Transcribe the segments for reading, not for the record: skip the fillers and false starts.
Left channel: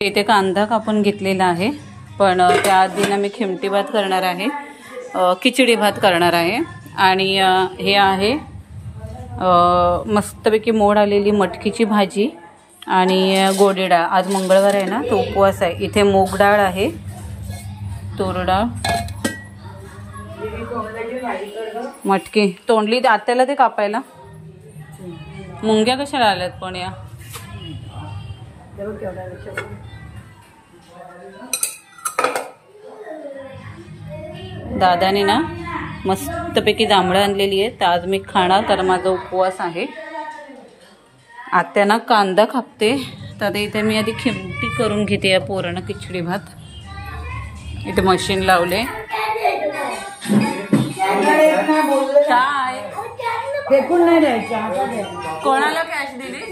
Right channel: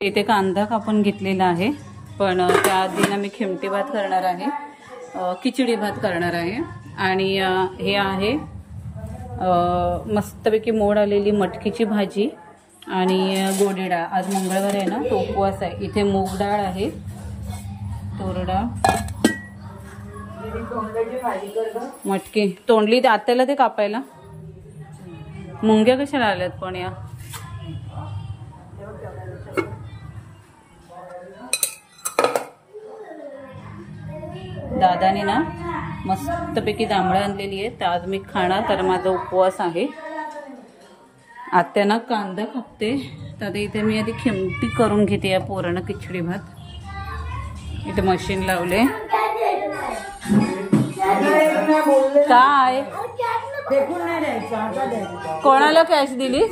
इथे कांदा कापून घेतलेला आहे, पण त्याआधी ना मी खिमटी भात करणार आहे, खिचडी भात करणार आहे। आणि हे आहे मस्तपैकी मोड आलेली मटकीची भाजी आणि गोडी डाळ। आज मंगळवार आहे ना, तो उपवास आहे। इथे मूग डाळ आहे, तूर डाळ, मटकी तोंडली आत्याला ते कापायला। मुंग्या कशाला आल्यात पण या? दादाने ना मस्तपैकी जांभळं आणलेली आहे, तर आज मी खाणार कारण माझा उपवास आहे। आत्या ना कांदा कापते, तर इथे मी आधी खिमटी करून घेते या पोरानं खिचडी भात। इथे मशीन लावले। काय फेकून नाही द्यायचा। कोणाला कॅश दिली?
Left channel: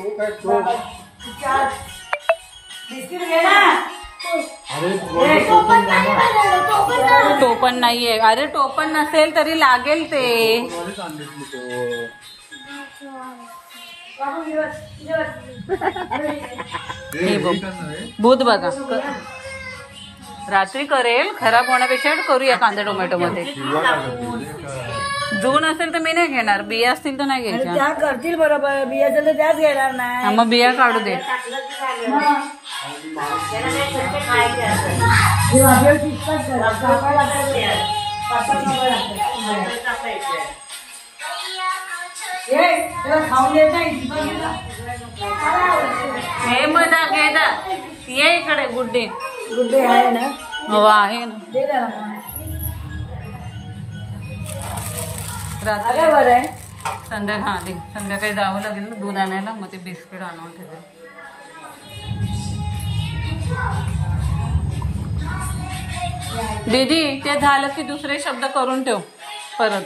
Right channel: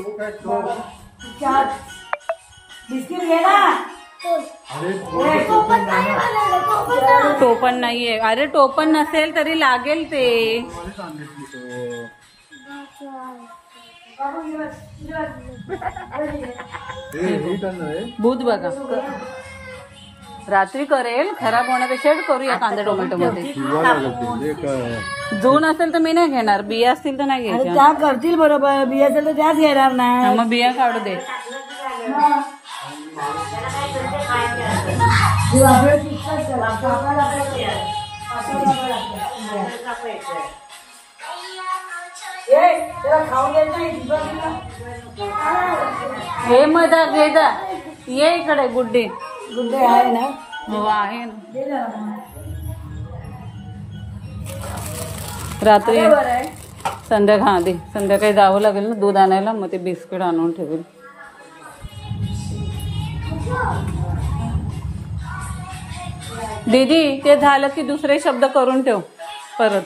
टोपण नाहीये। अरे टोपण नसेल तरी लागेल ते। भूत बघा रात्री करेल, खराब होण्यापेक्षा करूया कांदा टोमॅटो मध्ये। जून असेल तर मी नाही घेणार, बिया असतील तर नाही घ्यायच्या। त्या करतील बरोबर, बिया असेल तर त्याच घेणार नाही। मग बिया काढू दे। हे मजा घे जा, ये इकडे। गुड्डे गुड्डे आहे ना? हो आहे ना। रात्री संध्याकाळी जावं लागेल ना दूध आणायला, मग ते बिस्किट आणून ठेवेल। दीदी ते झालं की दुसरे शब्द करून ठेव परत।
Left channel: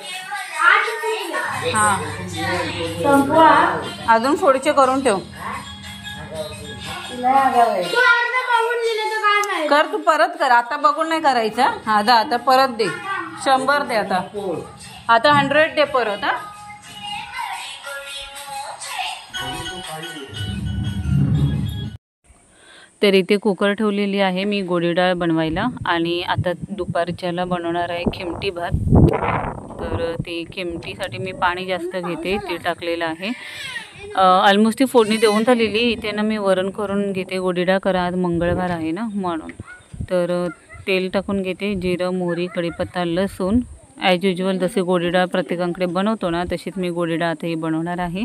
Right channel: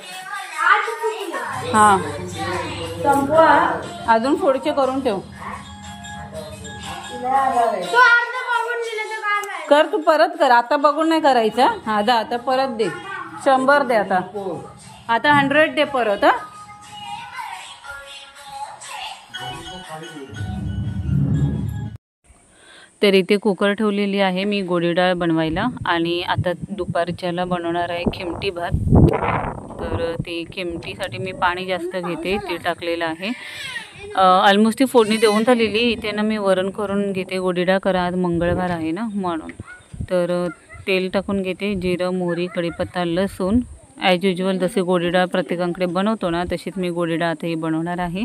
हा अजून पुढचे करून ठेव। कर तू परत कर, आता बघून नाही करायचं। हा दा आता परत दे, 100 दे आता 100 दे परत। हा तर इथे कुकर ठेवलेली आहे मी गोडी डाळ बनवायला, आणि आता दुपारच्याला बनवणार आहे खिमटी भात। तर ते खिमटीसाठी मी पाणी जास्त घेते, ते टाकलेलं आहे। ऑलमोस्ट ती फोडणी देऊन झालेली। इथे ना मी वरण करून घेते गोडी डाळ, कारण आज मंगळवार आहे ना म्हणून। तर तेल टाकून घेते, जिरं, मोहरी, कढीपत्ता, लसूण। ॲज युजल जसे गोडी डाळ प्रत्येकाकडे बनवतो ना, तशीच मी गोडी डाळ आताही बनवणार आहे।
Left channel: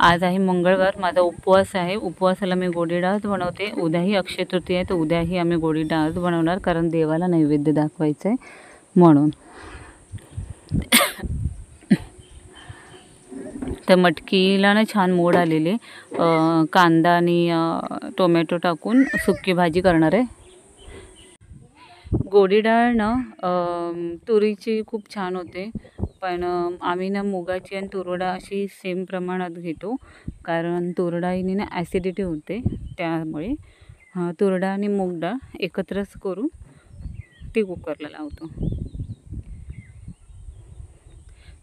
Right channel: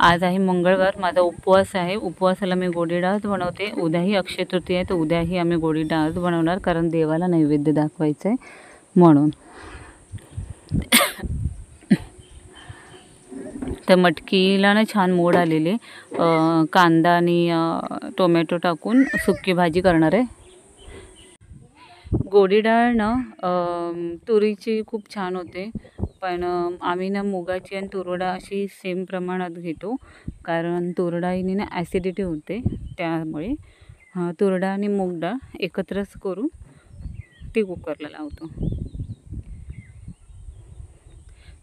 आज आहे मंगळवार, माझा उपवास आहे। उपवासाला मी गोडी डाळच बनवते। उद्याही अक्षय तृतीया आहे, तर उद्याही आम्ही गोडी डाळच बनवणार, कारण देवाला नैवेद्य दाखवायचं आहे म्हणून। तर मटकीला ना छान मोड आलेले, कांदा आणि टोमॅटो टाकून सुकी भाजी करणार आहे। गोडी डाळ ना तुरीची खूप छान होते, पण आम्ही ना मुगाची आणि तूर डाळ अशी सेम प्रमाणात घेतो, कारण तूर डाळीने ना ॲसिडिटी होते, त्यामुळे तूर डाळ आणि मूग डाळ एकत्रच करून ती कुकरला लावतो।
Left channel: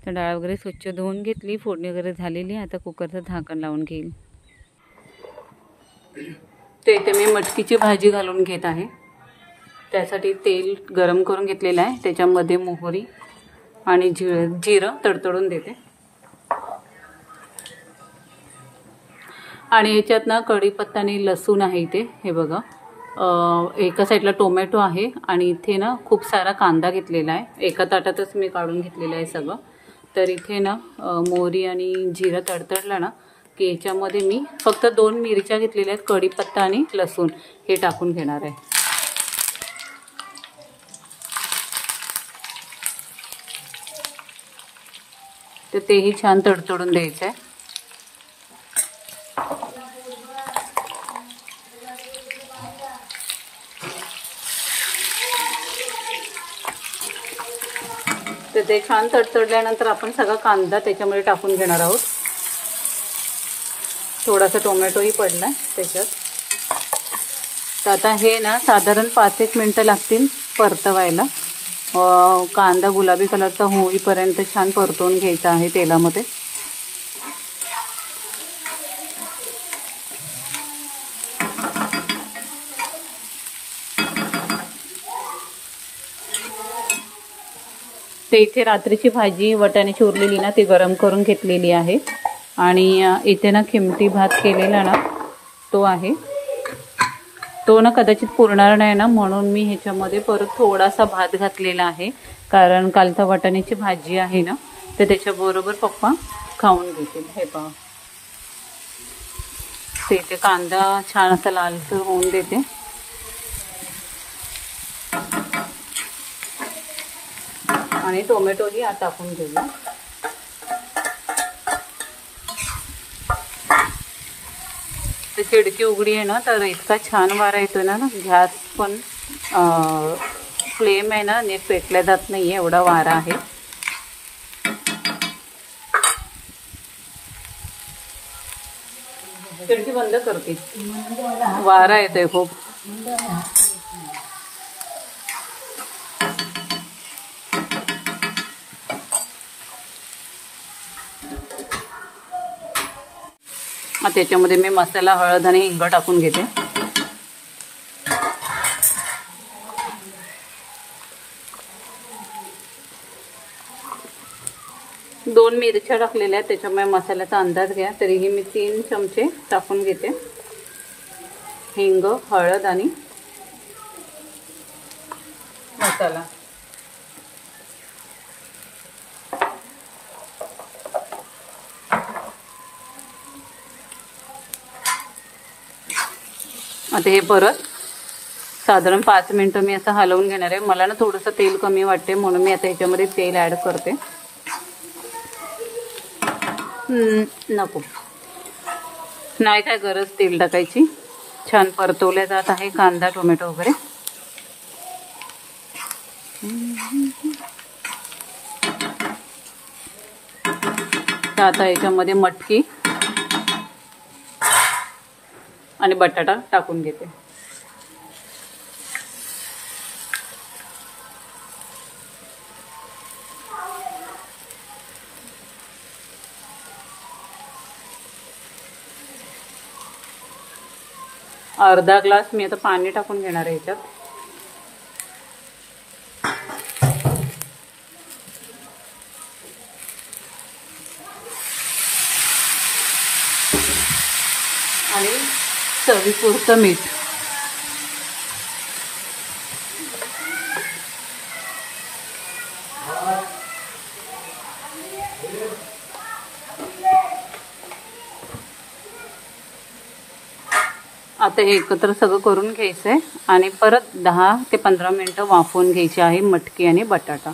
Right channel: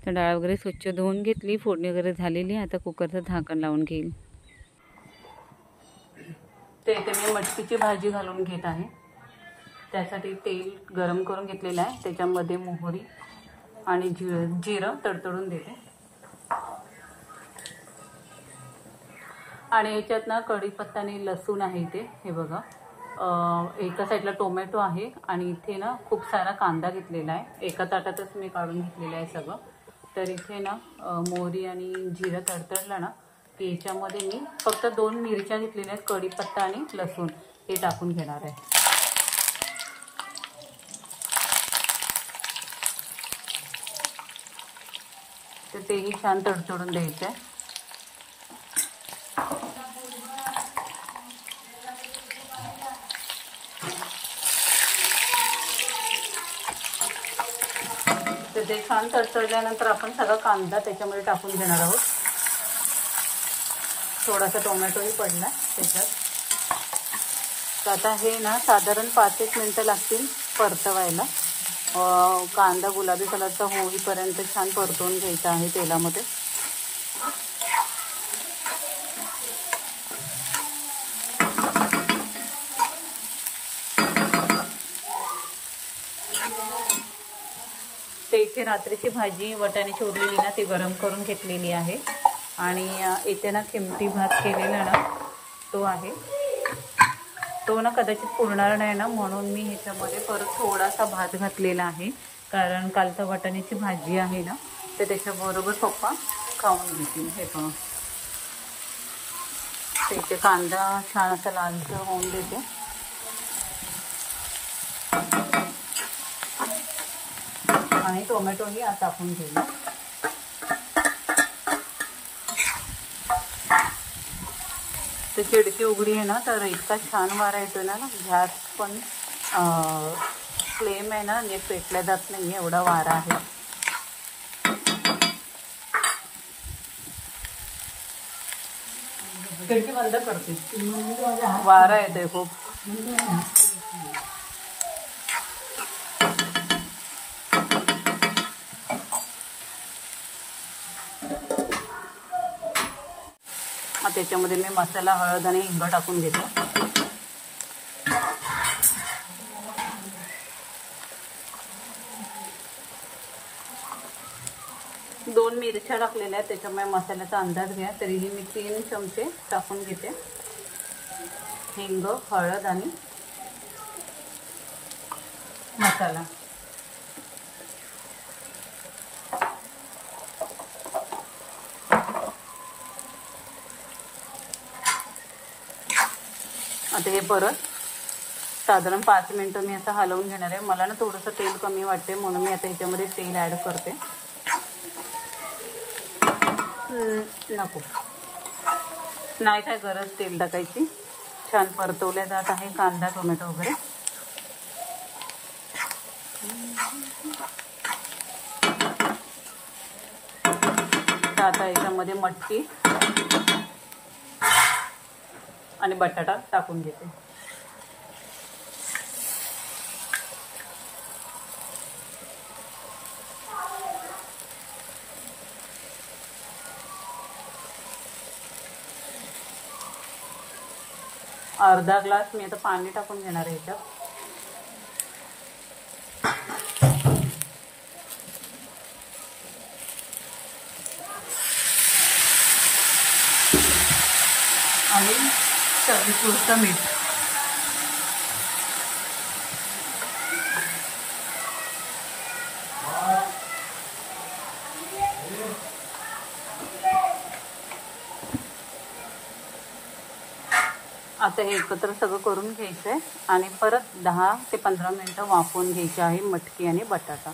तर डाळ वगैरे स्वच्छ धुवून घेतली, फोडणी वगैरे झालेली। आता कुकरचं झाकण लावून घेईल। तर इथे मी मटकीची भाजी घालून घेत आहे। त्यासाठी तेल गरम करून घेतलेलं आहे, त्याच्यामध्ये मोहरी आणि जिरं तडतडून देते। आणि याच्यात ना कढीपत्ता आणि लसूण आहे इथे, हे बघा। एका साईडला टोमॅटो आहे, आणि इथे ना खूप सारा कांदा घेतलेला आहे। एका ताटातच मी काढून घेतलेलं आहे सगळं। तर इथे ना मोहरी आणि जिरं तडतडलं ना की याच्यामध्ये मी फक्त 2 मिरच्या घेतलेल्या आहेत, कढीपत्ता आणि लसूण हे टाकून घेणार आहे। तर तेही छान तडतडून द्यायचं आहे। तर ते छान तडतडल्यानंतर आपण सगळा कांदा त्याच्यामध्ये टाकून घेणार आहोत। थोडासा टोमॅटोही पडला त्याच्यात। तर आता हे ना साधारण 5-1 मिनिटं लागतील परतवायला। कांदा गुलाबी कलरचा होईपर्यंत छान परतवून घ्यायचा आहे तेलामध्ये। तर इथे रात्रीची भाजी वाटाण्याची उरलेली ना ती गरम करून घेतलेली आहे आणि इथे ना खिमटी भात केलेला ना तो आहे. तो ना कदाचित पुरणार नाही ना, म्हणून मी ह्याच्यामध्ये परत थोडासा भात घातलेला आहे. कारण कालचा वाटाण्याची भाजी आहे ना, तर त्याच्याबरोबर पप्पा खाऊन घेतील. हे पहा, ते इथे कांदा छान असा लालसर होऊन देते. आणि टोमॅटोही आता टाकून घेऊया. तर खिडकी उघडी आहे ना, तर इतका छान वारा येतो ना, गॅस पण फ्लेम आहे ना नीट पेटल्या जात नाही आहे, एवढा वारा आहे. खिडकी बंद करते, वारा येतोय खूप. त्याच्यामध्ये मी मसाला, हळद आणि हिंग टाकून घेते. दोन मिरच्या टाकलेल्या आहेत, त्याच्यामुळे मसाल्याचा अंदाज घ्या. तरीही मी 3 चमचे टाकून घेते. हिंग, हळद आणि मसाला. आता हे परत साधारण 5 मिनिटं मी असं हलवून घेणार आहे. मला ना थोडंसं तेल कमी वाटते, म्हणून मी आता ह्याच्यामध्ये तेल ॲड करते. नको, नाही काय गरज तेल टाकायची. छान परतवल्या जात आहे कांदा, टोमॅटो वगैरे. तर आता याच्यामध्ये मटकी आणि बटाटा टाकून घेते. अर्धा ग्लास मी आता पाणी टाकून घेणार आहे याच्यात. आणि चवीपुरतं मीठ. आता हे एकत्र सगळं करून घ्यायचं आहे आणि परत 10 ते 15 मिनिटं वाफवून घ्यायची आहे मटकी आणि बटाटा.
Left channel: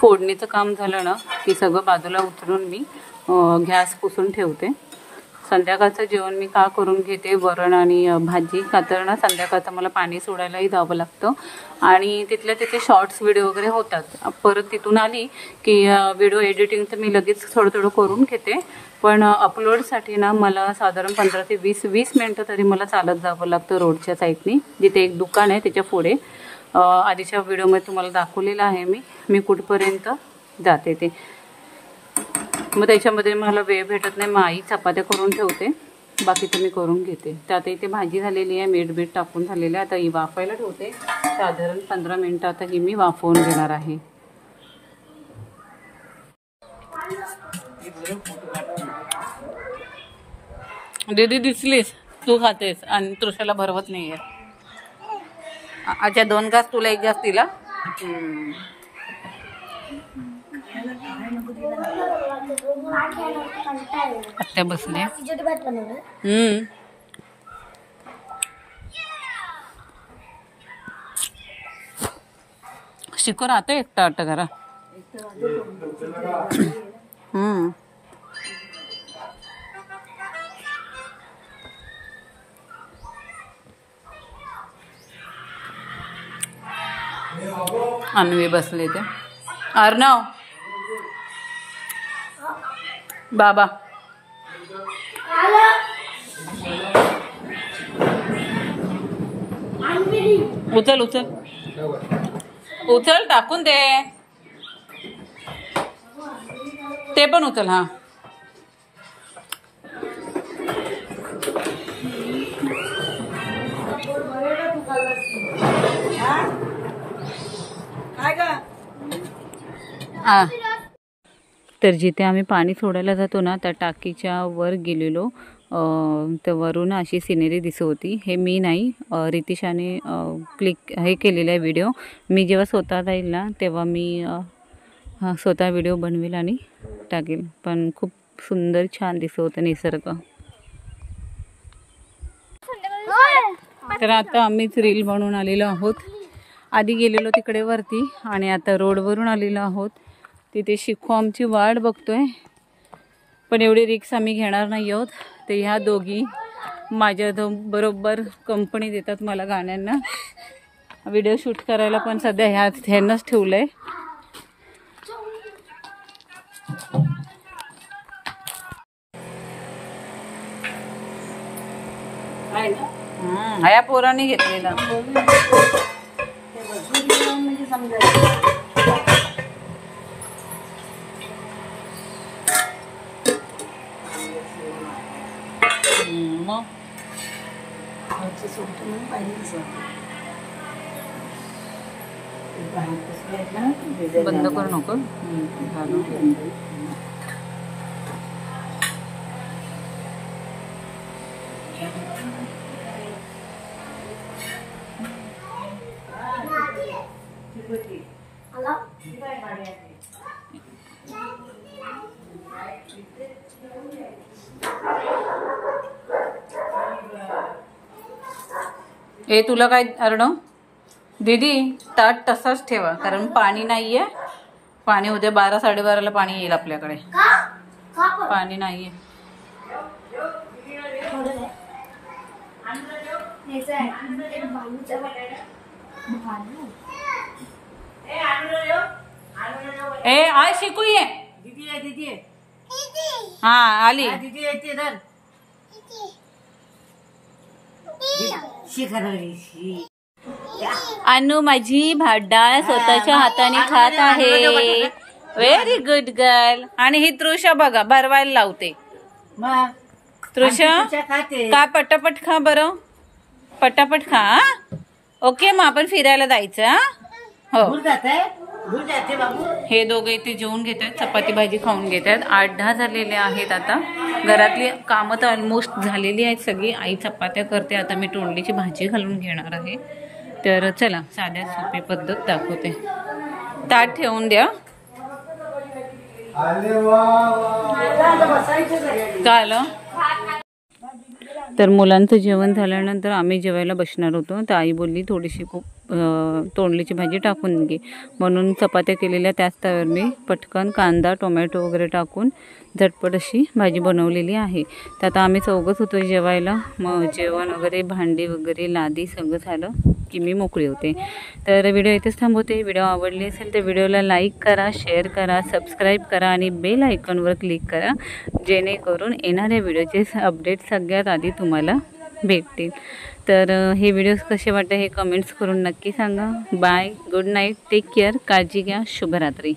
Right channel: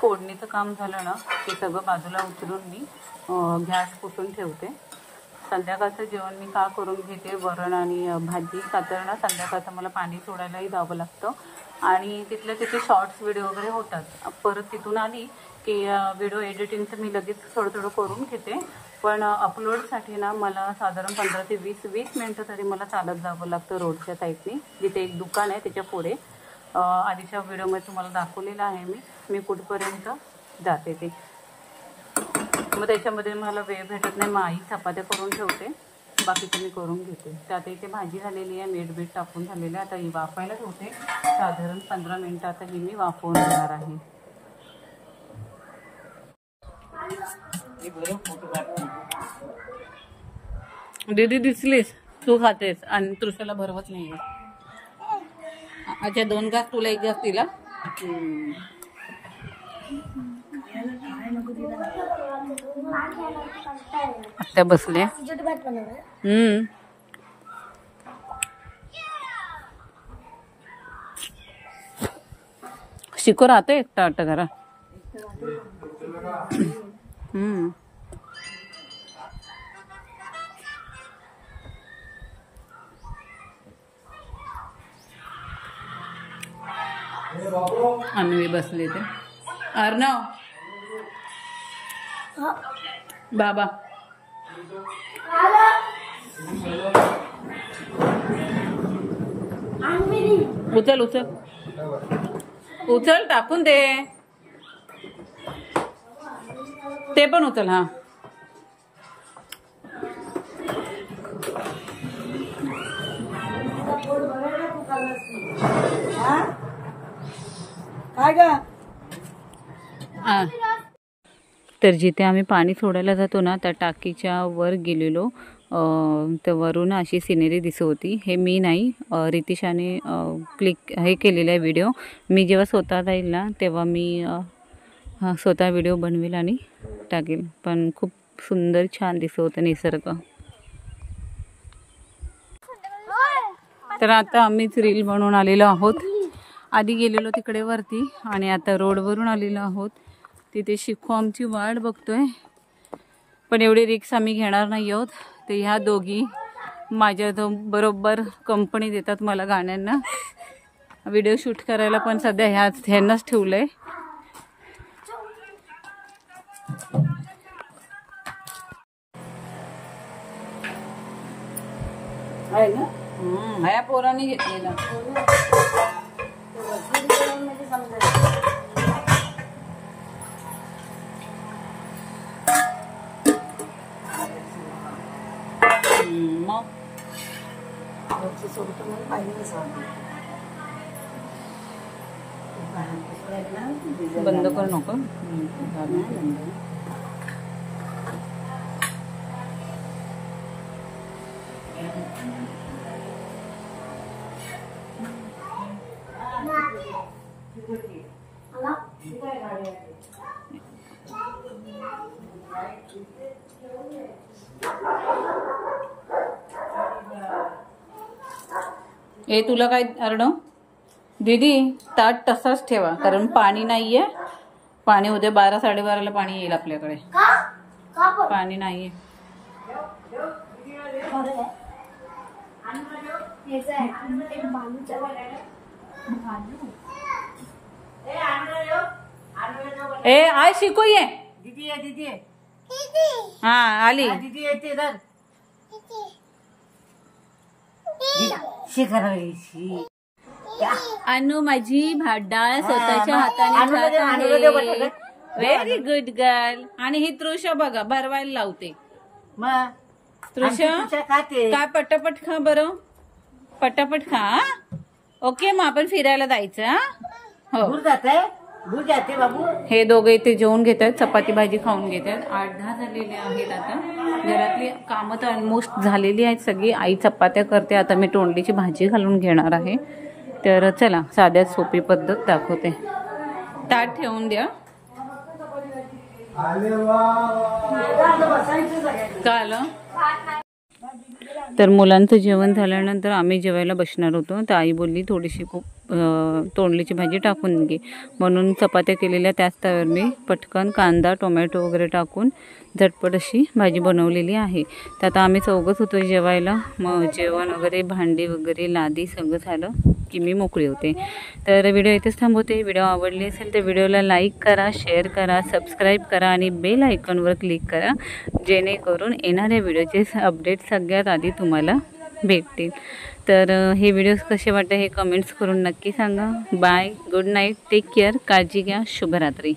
फोडणीचं काम झालं ना की सगळं बाजूला उतरून मी गॅस पुसून ठेवते. संध्याकाळचं जेवण मी का करून घेते, वरण आणि भाजी. का तर ना संध्याकाळचं मला पाणी सोडायलाही जावं लागतं आणि तिथल्या तिथे शॉर्ट्स व्हिडिओ वगैरे होतात. परत तिथून आली की व्हिडिओ एडिटिंगचं मी लगेच थोडं थोडं करून घेते. पण अपलोडसाठी ना मला साधारण 15 ते 20 मिनटं तरी मला चालत जावं लागतं रोडच्या साईडनी. जिथे एक दुकान आहे त्याच्या पुढे. आधीच्या व्हिडिओमध्ये तुम्हाला दाखवलेलं आहे मी कुठपर्यंत जाते ते. मग त्याच्यामध्ये मला वेळ भेटत नाही. मग आई चपात्या करून ठेवते, बाकी तुम्ही करून घेते. तर आता इथे भाजी झालेली आहे, मीठ टाकून झालेलं आहे. आता ही वाफायला ठेवते. साधारण 15 मिनटं आता ही मी वाफवून घेणार आहे. दीदी दिसलीस, तू खातेस आणि तृषाला भरवत नाहीये. अच्छा 2 घास तुला 1 घास दिला. आत्या बसले. शिको राहते एकटा आट करा. अन्वी बसले ते. अर्णव बाबा उचल उचल उचल, टाकून दे. ते पण उचल. हा काय ग? हा. तर जिथे आम्ही पाणी सोडायला जातो ना त्या टाकीच्या वर गेलेलो. तर वरून अशी सिनेरी दिसत होती. हे मी नाही, रितिशाने क्लिक हे केलेलं आहे व्हिडिओ. मी जेव्हा स्वतः जाईल ना तेव्हा मी स्वतः व्हिडिओ बनवेल आणि टाकेल. पण खूप सुंदर छान दिसत होतं निसर्ग. तर आता आम्हीच रील बनवून आलेलो आहोत. आधी गेलेलो तिकडे वरती आणि आता रोडवरून आलेलो आहोत. तिथे शिखू आमची वाट बघतोय. पण एवढी रिक्स आम्ही घेणार नाही आहोत. ते ह्या दोघी माझ्या बरोबर कंपनी देतात मला गाण्यांना. व्हिडिओ शूट करायला पण सध्या ह्यांनाच ठेवलं आहे. ह्या पोरांनी घेतलेला. मग बंद करू नको. ए तुला काय अर्णव? दीदी ताट तसाच ठेवा कारण पाणी नाहीये. पाणी उद्या 12-12:30ला पाणी येईल आपल्याकडे. पाणी नाहीये. ए आज शिकू ये. दीदी आहे, दीदी आहे. हा आली. दीदी येते तर अनु माझी भात स्वतःच्या हाताने खात आहे. Very good girl. आणि ही तृषा बघा भरवायला लावते. तृषा का पटापट खा बरं. पटापट खा. ओके मग आपण फिरायला जायचं. हो बाबू. हे दोघे इथे जेवून घेत आहेत. चपाती भाजी खाऊन घेत आहेत. 8-10 झालेले आहेत. आता घरातली कामं तर ऑलमोस्ट झालेली आहेत सगळी. आई चपात्या करते. आता मी तोंडलीची भाजी घालून घेणार आहे. तर चला साध्यात सोपी पद्धत दाखवते. ताट ठेवून द्या. काय आलं? तर मुलांचं जेवण झाल्यानंतर आम्ही जेवायला बसणार होतो. तर आई बोलली थोडीशी तोंडलीची भाजी टाकून घे म्हणून चपात्या केलेल्या त्याच तव्यावर मी पटकन कांदा टोमॅटो वगैरे टाकून झटपट अशी भाजी बनवलेली आहे. तर आता आम्ही चौघच होतो जेवायला. मग जेवण वगैरे भांडी वगैरे लादी सगळं झालं की मी मोकळी होते. तर व्हिडिओ इथेच थांबवते. व्हिडिओ आवडली असेल तर व्हिडिओला लाईक करा, शेअर करा, सबस्क्राईब करा आणि बेल आयकॉनवर क्लिक करा जेणेकरून येणाऱ्या व्हिडिओचे अपडेट सगळ्यात आधी तुम्हाला भेटतील. तर हे व्हिडिओज कसे वाटते हे कमेंट्स करून नक्की सांगा. Bye, good night, take care, काळजी घ्या, शुभरात्री.